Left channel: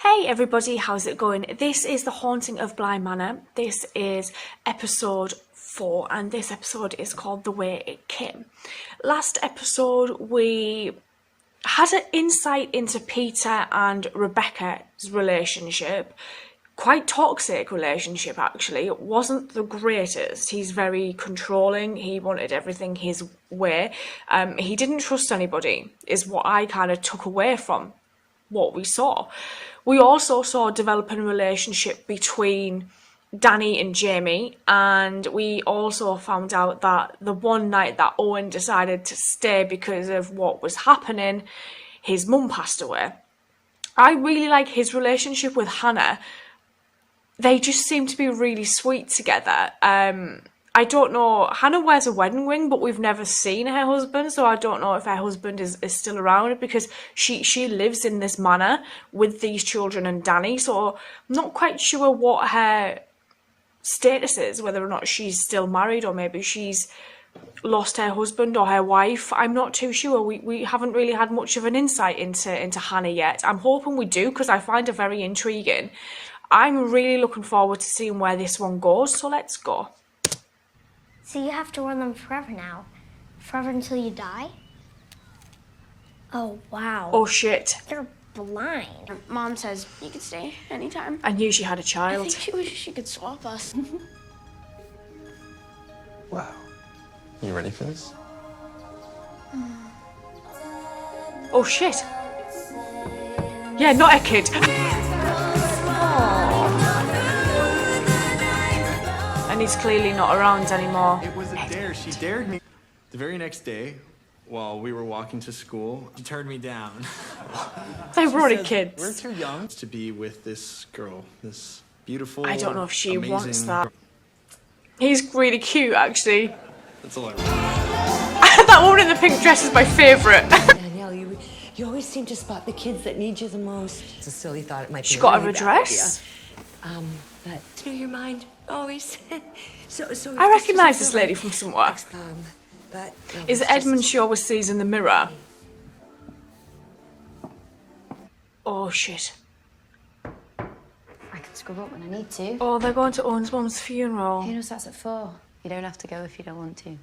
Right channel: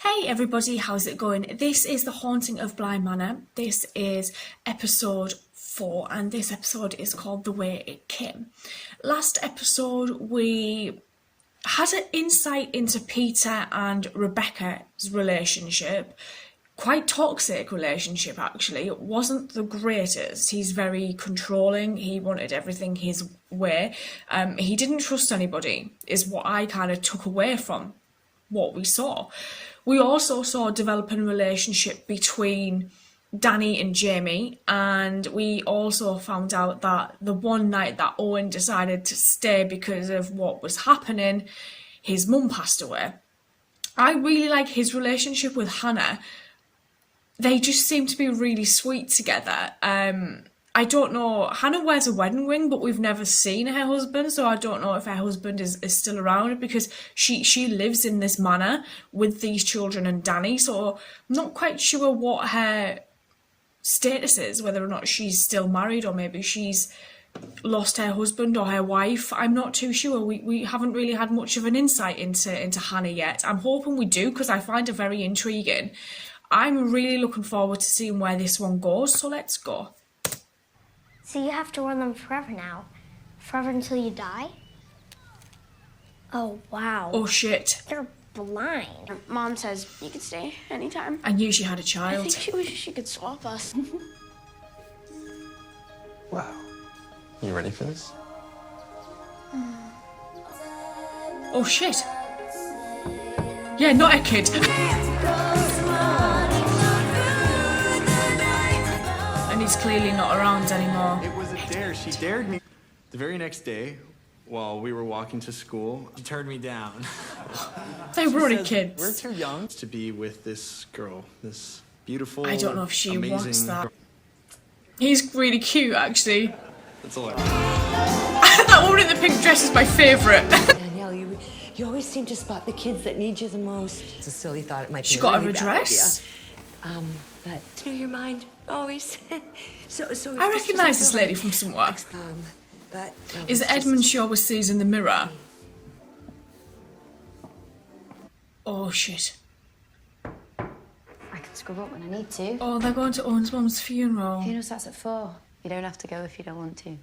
Hey everybody, how's it going? This is the Haunting of Bly Manor. This is episode 4 and this episode is called The Way It Came. Last episode we had an insight into Peter and Rebecca's relationship. Quite toxic relationship actually. It wasn't the greatest. He's very controlling. He wanted everything his way. He didn't trust anybody is what I kind of took away from what we saw. We also saw a developing relationship between Danny and Jamie, and we also found out that the one night that Owen decided to stay because of what was happening, his mum passed away. I really like his relationship with Hannah. They just seem to be really sweet together. I don't know, Hannah wears a wedding ring, but we've never seen her husband, so I don't know if her husband is still around because she lives in this manor with these children and Danny, so I'm not quite sure what her status is, whether or not she's still married or maybe she's lost her husband or her wife. I'm not too sure. We haven't really had much of an insight into Hannah yet. I'm hoping we do because I find her very intriguing. I'm really looking forward to seeing where this one goes, so let's go. So you have to run them forever now? Forever until you die? Oh, wow. Oh, shit. They're blind. Mom says you can stay anytime. I knew she had a I child. think she wishes she could swap us. Wow. You ready for this? Oh, shit. Yeah, not a kid. And he's clearly not around anymore. It was a dare. She dared me. The very next day, while we were walking to school, she turned me down. They She were already says, kids. We're too young to be with this girl, this beautiful, I don't know if she wants amazing that. girl. He's really cute, actually. That's all I want. That woman in the pink dress is my favourite. Danielle, you always seem to spot the kids that need you the most. It's a silly thought. It might be She a got really a bad dress. idea. But through your mind, always. so I recognise this lady from somewhere. But Is it Edmund she always sees in the mirror? Oh, shit. I can scrub up when I need to. Oh, they're going to Owen's mum's funeral. Funeral starts at 4. You don't have to go if you don't want to.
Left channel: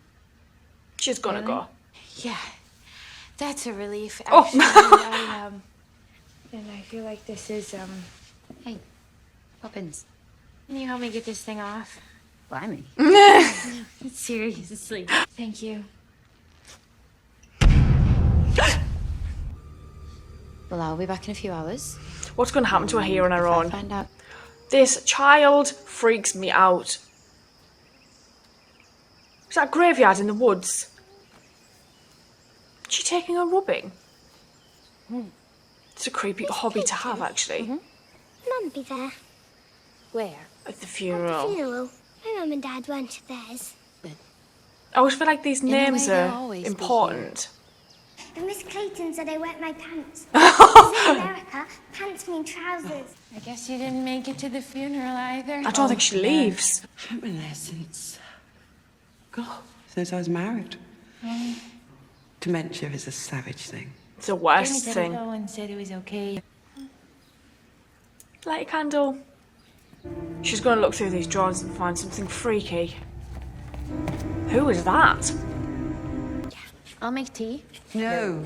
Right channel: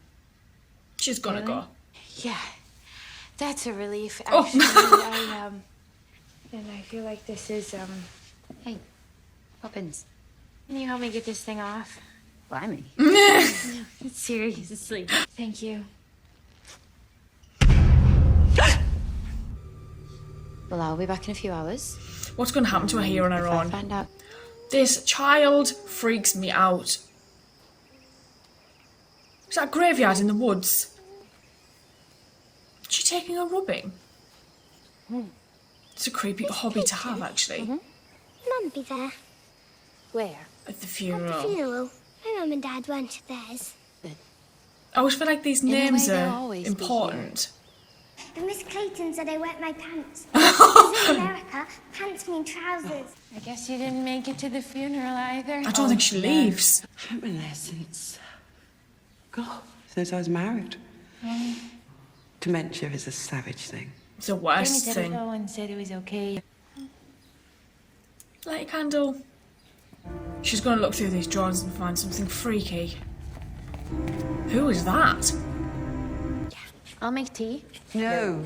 She's gonna Really? go. Yeah, that's a relief. Oh. Actually, and I feel like this is Hey, Poppins. Can you help me get this thing off? Blimey. Seriously. Thank you. Well, I'll be back in a few hours. What's going to happen to her here on her If I own? find out. This child freaks me out. Is that graveyard in the woods? Is she taking a rubbing? It's a creepy hobby to have, actually. Mum be there. Where? At the At the funeral. funeral. My mum and dad went to theirs. I always feel like these a way, names they'll are always be important. And Miss Clayton said I wet my pants. Because in America, pants mean trousers. I guess you didn't make it to the funeral either. I don't think she leaves. I haven't been there since... God, since I was married. Dementia is a savage thing. It's the Jamie worst said thing. it all and said it was okay. Light a candle. She's going to look through these drawers and find something freaky. Who is that? I'll make tea. No.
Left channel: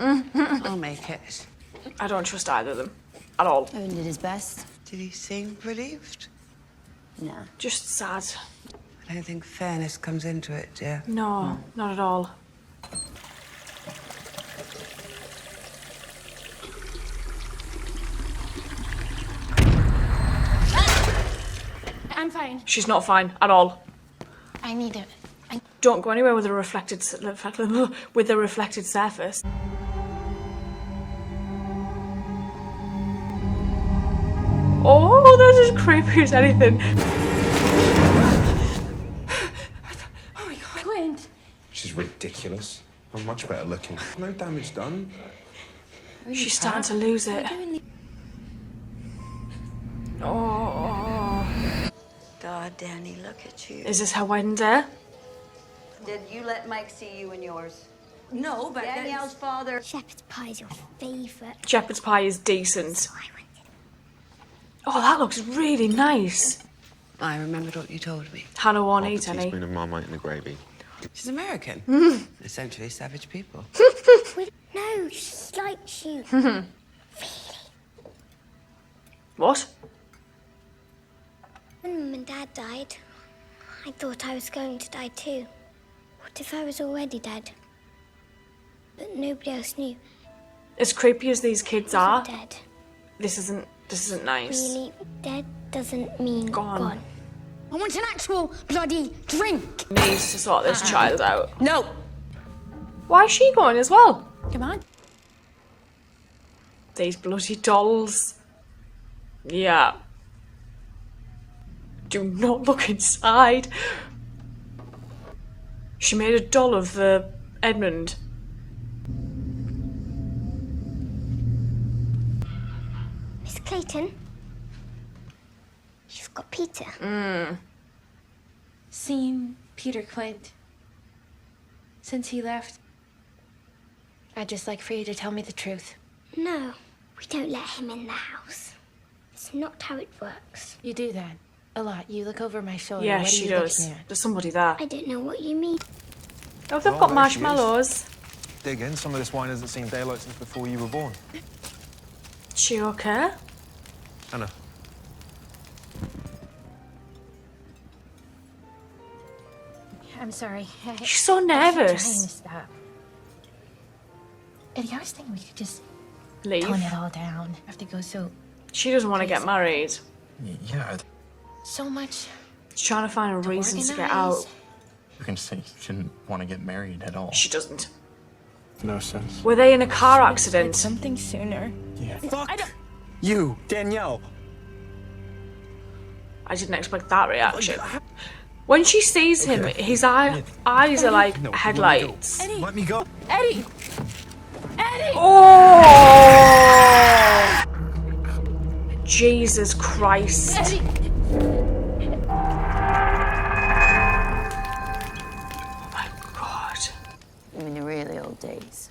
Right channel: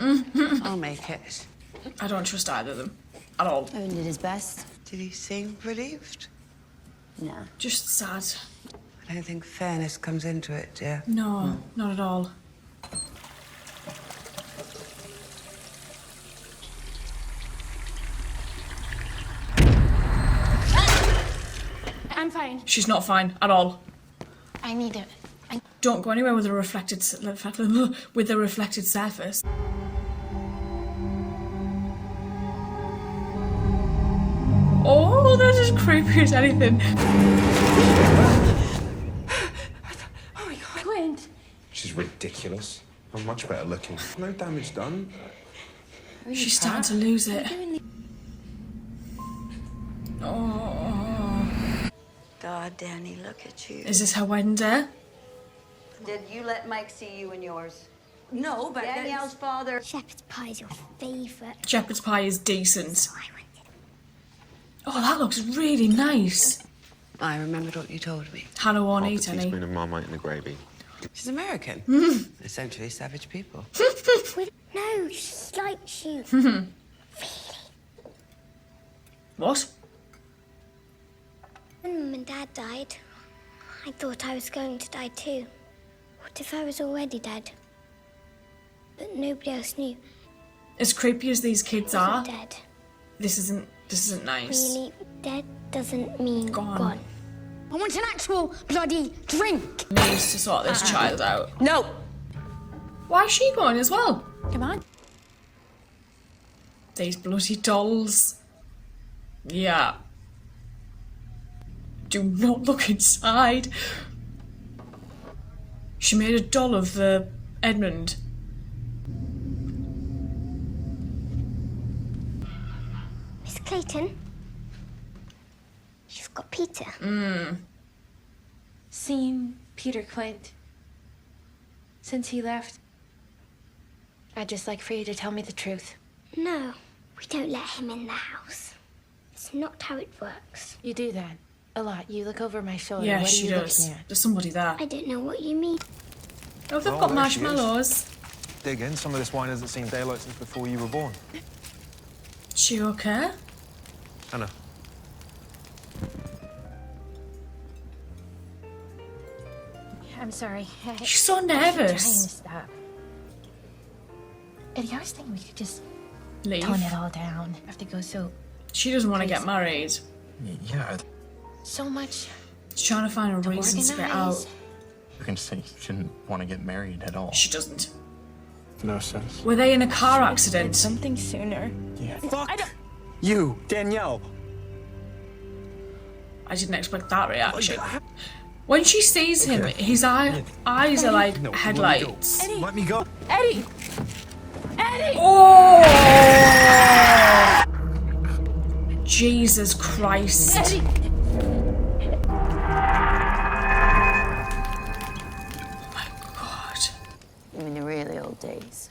I'll make it. I don't trust either of them. At all. Owen did his best. Did he seem relieved? No. Just sad. I don't think fairness comes into it, dear. No, not at all. I'm fine. She's not fine at all. I need it. Don't go anywhere with a reflected surface. Oh, they're just creepy as anything. Oh my God. Clint. She's ridiculous. I'm much better looking. No damage done. She's starting to lose it. Oh, God, Danny, look at you. is this her wedding day? Did you let Mike see you and yours? No, but Danielle's father. Shepherd's pie is your favourite. Shepherd's pie is decent. I wanted Oh, that looks really nice. I remembered what you told me. Hannah won't Half a eat any. teaspoon of Marmite in the gravy. She's American. Essentially savage people. No, she likes you. What? When Mum and Dad died, I thought I was going to die too. What if I was already dead? But nobody else knew. As creepy as these kids I are, wasn't dead. this isn't nice. Really, dead doesn't mean Gone. gone. I want an actual bloody drink. Needs to sort this child out. No! Why is she going as well? Come on. These bloody dolls. Yeah. Do not look inside. She made a doll of Edmund. Miss Clayton, you've got Peter. Seen Peter Quint since he left. I'd just like for you to tell me the truth. No, we don't let him in the house. It's not how it works. You do that a lot. You look over my shoulder. Yeah, what are she you does. looking at? There's somebody there. I don't know what you mean. Oh, they've Well, got there she is. marshmallows. Dig in. Some of this wine hasn't seen daylight since before you were born. She okay? Hannah. I'm sorry. She's so I keep trying to nervous. stop. Eddie, I was thinking we could just Leave. tone it all down. Have to go She doesn't want to get Crazy. married. Yeah. so much She's trying to find a to reason to get organize. out. You can say you shouldn't want to get married at all. She doesn't. No sense. Were they in a car accident? Something sooner. Yeah. I don't. You, Danielle. I didn't expect that reaction. When she sees him, his eyes are like headlights. Let me go. Eddie! Eddie! Oh! Jesus Christ. Eddie! God. In the really old days,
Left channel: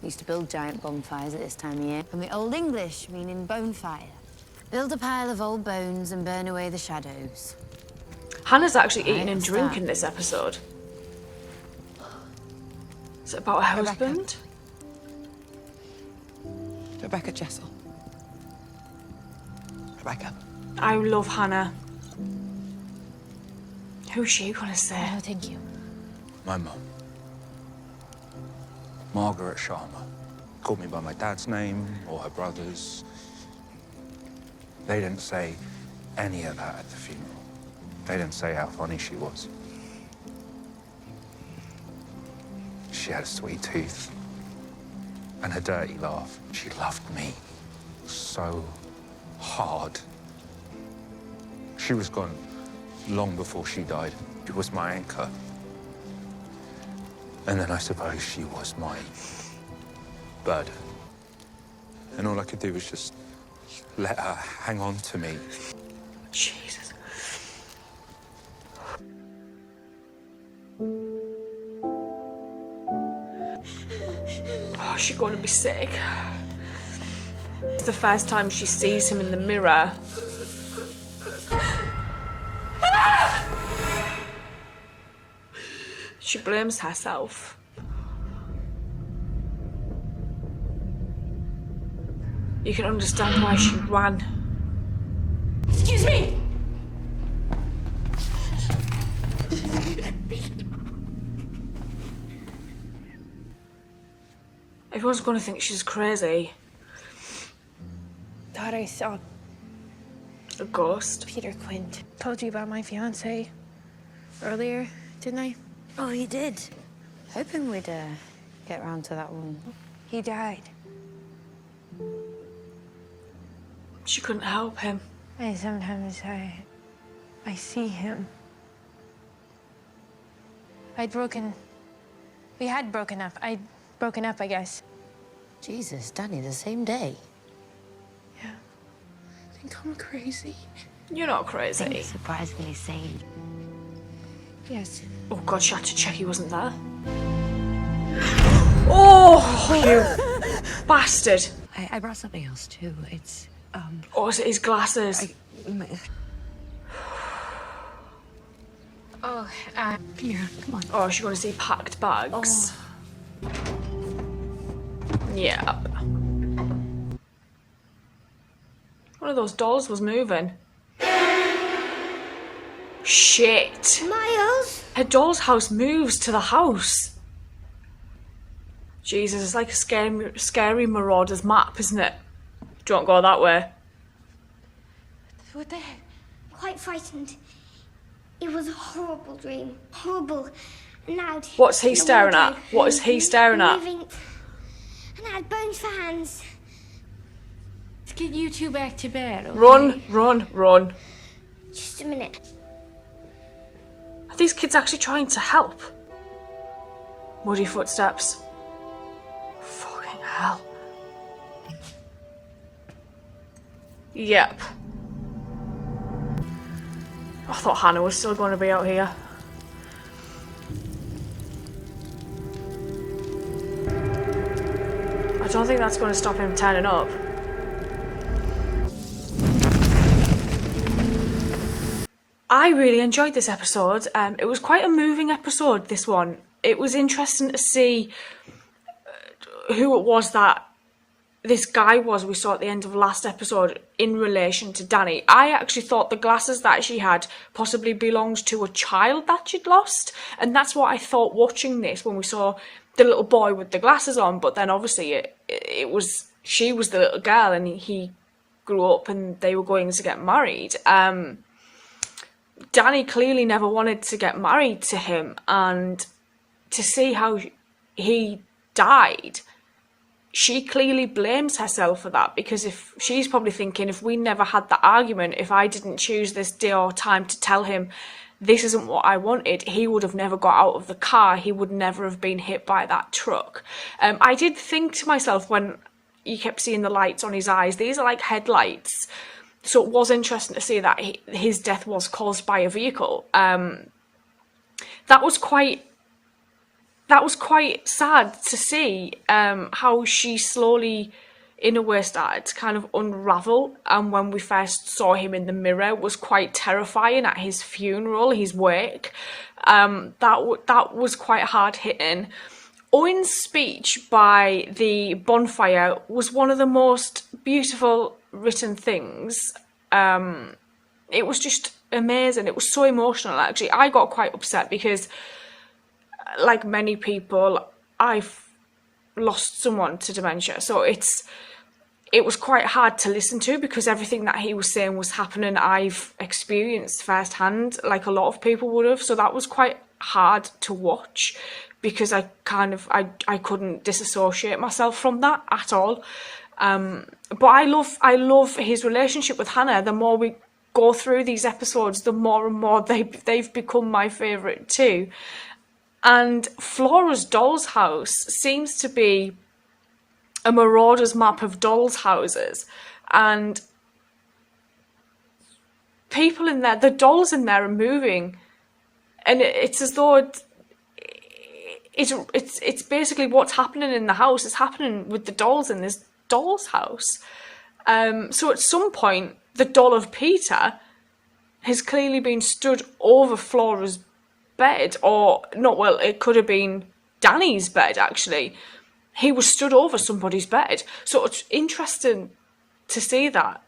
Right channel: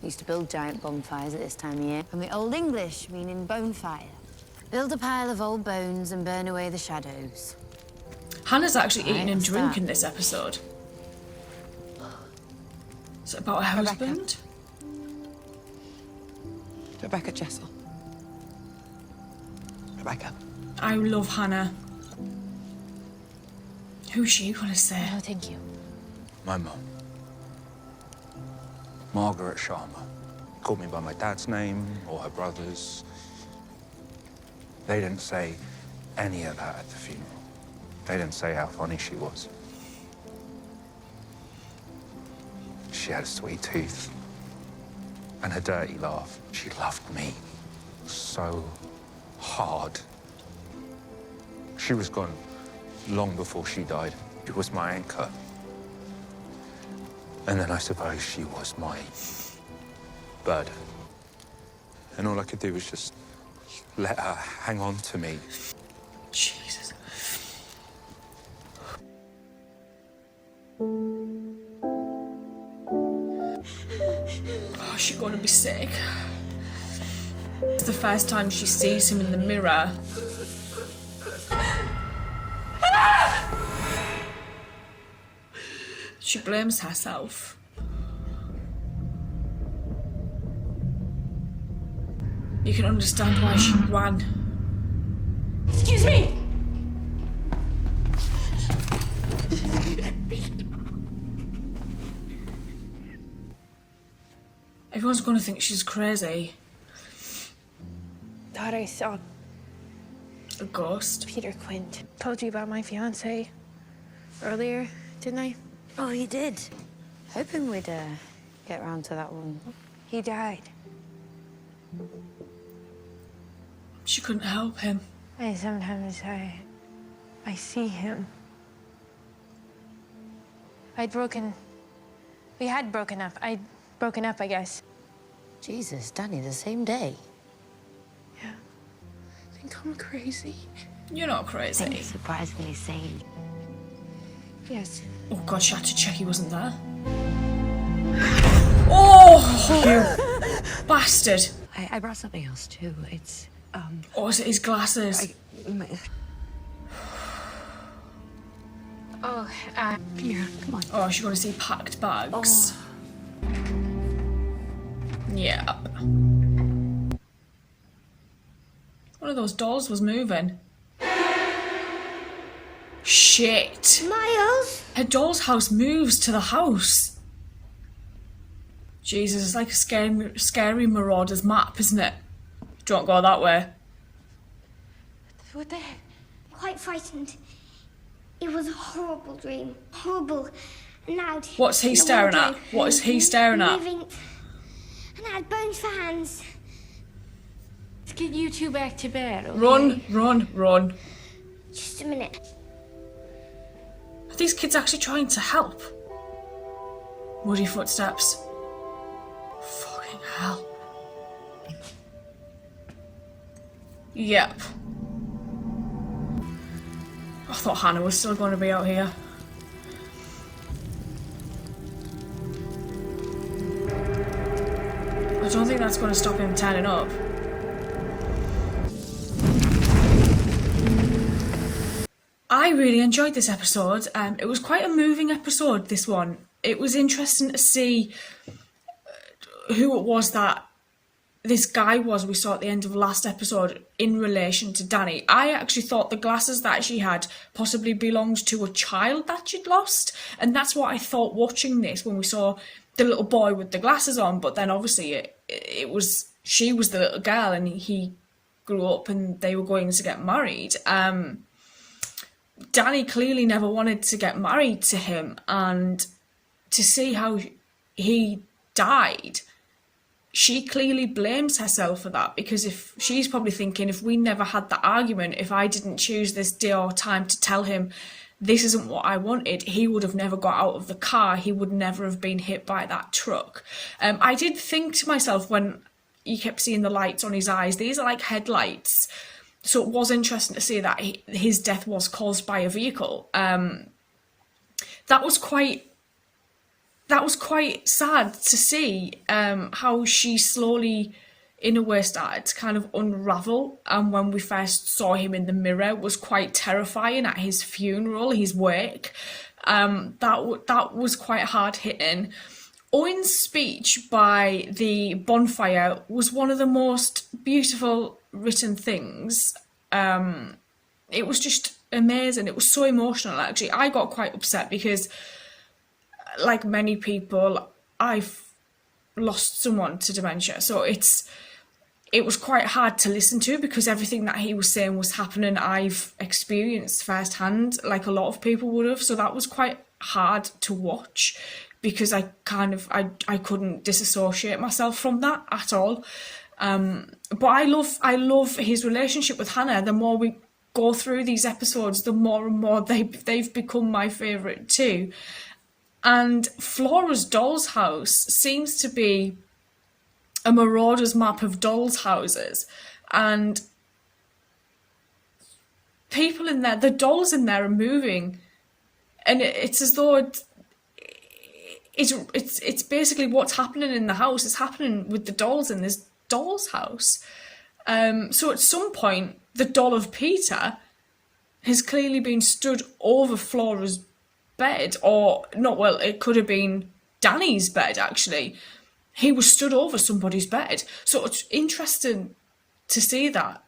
we used to build giant bonfires at this time of year. From the Old English, meaning bonfire. Build a pile of old bones and burn away the shadows. Hannah's actually Right, eating and what's that? drinking this episode. Is it about her Rebecca. husband? Rebecca Jessel. Rebecca. I love Hannah. Who's she gonna say? No, thank you. My mum. Margaret Sharma. Called me by my dad's name or her brother's. They didn't say any of that at the funeral. They didn't say how funny she was. She had a sweet tooth and a dirty laugh. She loved me so hard. She was gone long before she died. She was my anchor. And then I suppose she was my burden. And all I could do was just let her hang on to me. Jesus. Oh, she's gonna be sick. It's the first time she sees him in the mirror. She blames herself. You can understand why she ran. Excuse me! Everyone's gonna think she's crazy. Thought I saw A ghost. Peter Quint. Told you about my fiance earlier, didn't I? Oh, you did. Hoping we'd get round to that one. He died. She couldn't help him. And sometimes I see him. We had broken up. I'd broken up, I guess. Jesus, Danny, the same day. Yeah. I think I'm crazy. You're not I crazy. think it's surprisingly sane. Yes. Oh God, she had to check he wasn't there. Oh, bastard! I brought something else too. It's Or is it his glasses? Oh, Come here, come on. Or is she going to see packed bags? Yeah. One of those dolls was moving. Shit. Miles? Her doll's house moves to the house. Jesus, it's like a scary Marauder's map, isn't it? Don't go that way. what the heck? Quite frightened. It was a horrible dream. Horrible. And loud. What's he in the staring at? wardrobe. What is he staring at? Moving. And I had bones for hands. Let's get you two back to bed, okay? Run, run, run. Just a minute. Are these kids actually trying to help? Muddy footsteps. Fucking hell. Yep. I thought Hannah was still going to be out here. I don't think that's going to stop him turning up. I really enjoyed this episode. It was quite a moving episode, this one. It was interesting to see who it was that this guy was we saw at the end of last episode in relation to Danny. I actually thought the glasses that she had possibly belonged to a child that she'd lost, and that's what I thought watching this when we saw the little boy with the glasses on. But then obviously she was the little girl and he grew up and they were going to get married. Danny clearly never wanted to get married to him, and to see how he died, she clearly blames herself for that, because if she's probably thinking, if we never had that argument, if I didn't choose this day or time to tell him this isn't what I wanted, he would have never got out of the car, he would never have been hit by that truck. I did think to myself when you kept seeing the lights on his eyes, these are like headlights, so it was interesting to see that his death was caused by a vehicle. That was quite sad to see, how she slowly, in a way, started to kind of unravel. And when we first saw him in the mirror, it was quite terrifying at his funeral, his wake. That was quite hard hitting. Owen's speech by the bonfire was one of the most beautiful written things. It was just amazing. It was so emotional, actually. I got quite upset because, like many people, I've lost someone to dementia, so it was quite hard to listen to, because everything that he was saying was happening I've experienced firsthand, like a lot of people would have. So that was quite hard to watch, because I couldn't disassociate myself from that at all. But I love his relationship with Hannah. The more we go through these episodes, the more and more they've become my favourite too. And Flora's doll's house seems to be a marauder's map of dolls' houses. And people in there, the dolls in there are moving. And it's as though it's basically what's happening in the house is happening with the dolls in this doll's house. So at some point, the doll of Peter has clearly been stood over Flora's bed, or not, well, it could have been Danny's bed, actually. He was stood over somebody's bed. So it's interesting to see that.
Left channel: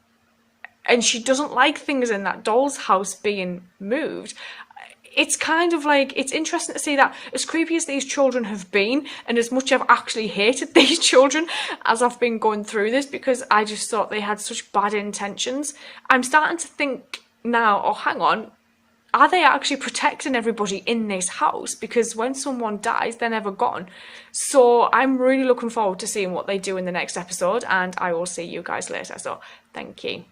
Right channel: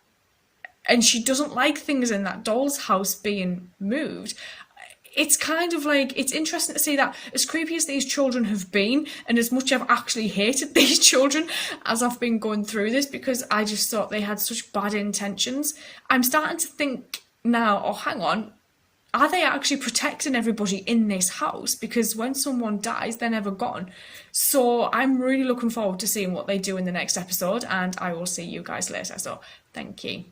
And she doesn't like things in that doll's house being moved. It's kind of like, it's interesting to see that, as creepy as these children have been, and as much I've actually hated these children as I've been going through this, because I just thought they had such bad intentions, I'm starting to think now, oh, hang on, are they actually protecting everybody in this house? Because when someone dies, they're never gone. So I'm really looking forward to seeing what they do in the next episode, and I will see you guys later. So thank you.